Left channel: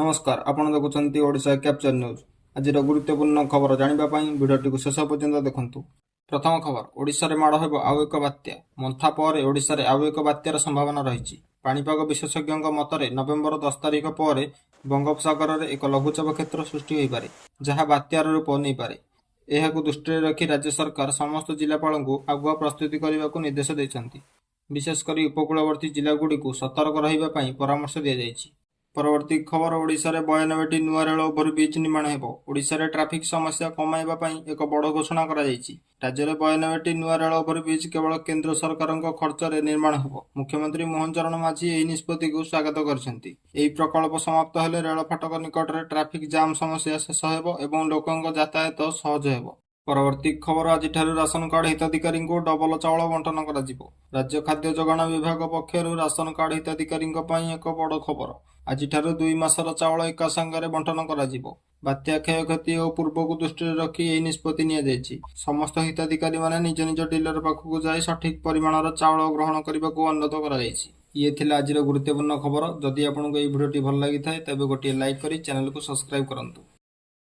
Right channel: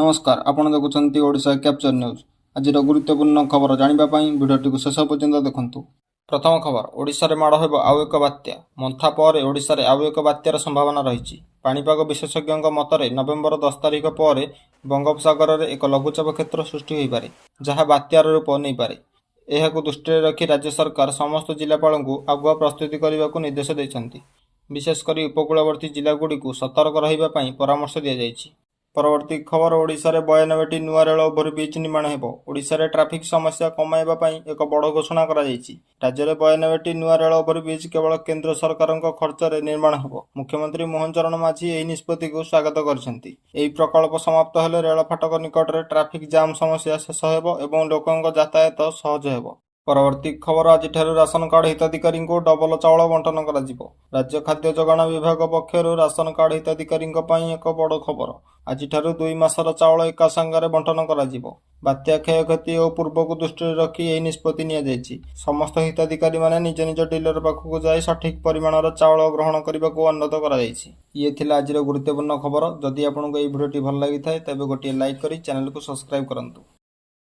नमस्कार आपण देखुं Odisha capture news आज गुरुत्वपूर्ण खबर जानापी भिडियो शेष पर्यंत देखु। प्रथम खबर ओडिशा रे माड़ हेब आउ एक बात्या मंथा पर ओडिशा रे आउ एक बात्यार संभावना रही। पाणीपाग विशेषज्ञों मतरे नवेम्बर 10 तारिख पर बंगोपसागर में एक लघुचाप क्षेत्र सृष्टि हो पारे जहाँ बात्यार रूप नहीं पारे। यह दृष्टि रखी राज्य सरकार समस्त जिलापाल को आगुआ प्रस्तुति करने को निर्देश देते। विशेषकर उपकूलवर्ती जिलागुड़ी को सतर्क रही परामर्श दी जाएगी। परवर्ती खबर ओडिशा रे 92टी नुआ रेल ओभरब्रिज निर्माण हेबो। ओडिशा रे ट्रैफिक समस्या कमाइबा पई एक बड़ घोषणा करा जायछि। राज्य रे 92टी नुआ रेल ओभरब्रिज केवल केंद्र सरकारक खर्च रे निर्माण हेबो। मुख्यमंत्री मोहन चरण माझी एही निष्पत्ति को स्वागत करछन्ति। एही प्रकल्प समाप्त हेले रेल फाटक निकट रे ट्रैफिक जाम समस्या शेष हेबो एवं लोकंक यातायात सहज हेबो। परवर्ती खबर आज राशन कार्ड हिताधिकारी को डबल चाउल बंटन कर राज्य खाद्य जोगाण विभाग पक्षर राशन कार्ड हिताधिकारी एक बड़ खबर। आज 2 मासर चाउल एका संगे बंटन कर बात्या क्षयक्षति और पूर्व को दृष्टि रखी यह निष्पत्ति नि समस्त हिताधिकारी माने निज निज डीलर पाखक जाए सठिक परिमाणर चाउल ग्रहण करने को अनुरोध कर आज गुरुत्वपूर्ण खबर। जदि आपको यह भिडियोटी भल लगी था तेज गोटे लाइक कर चैनल को सब्सक्राइब करूँ।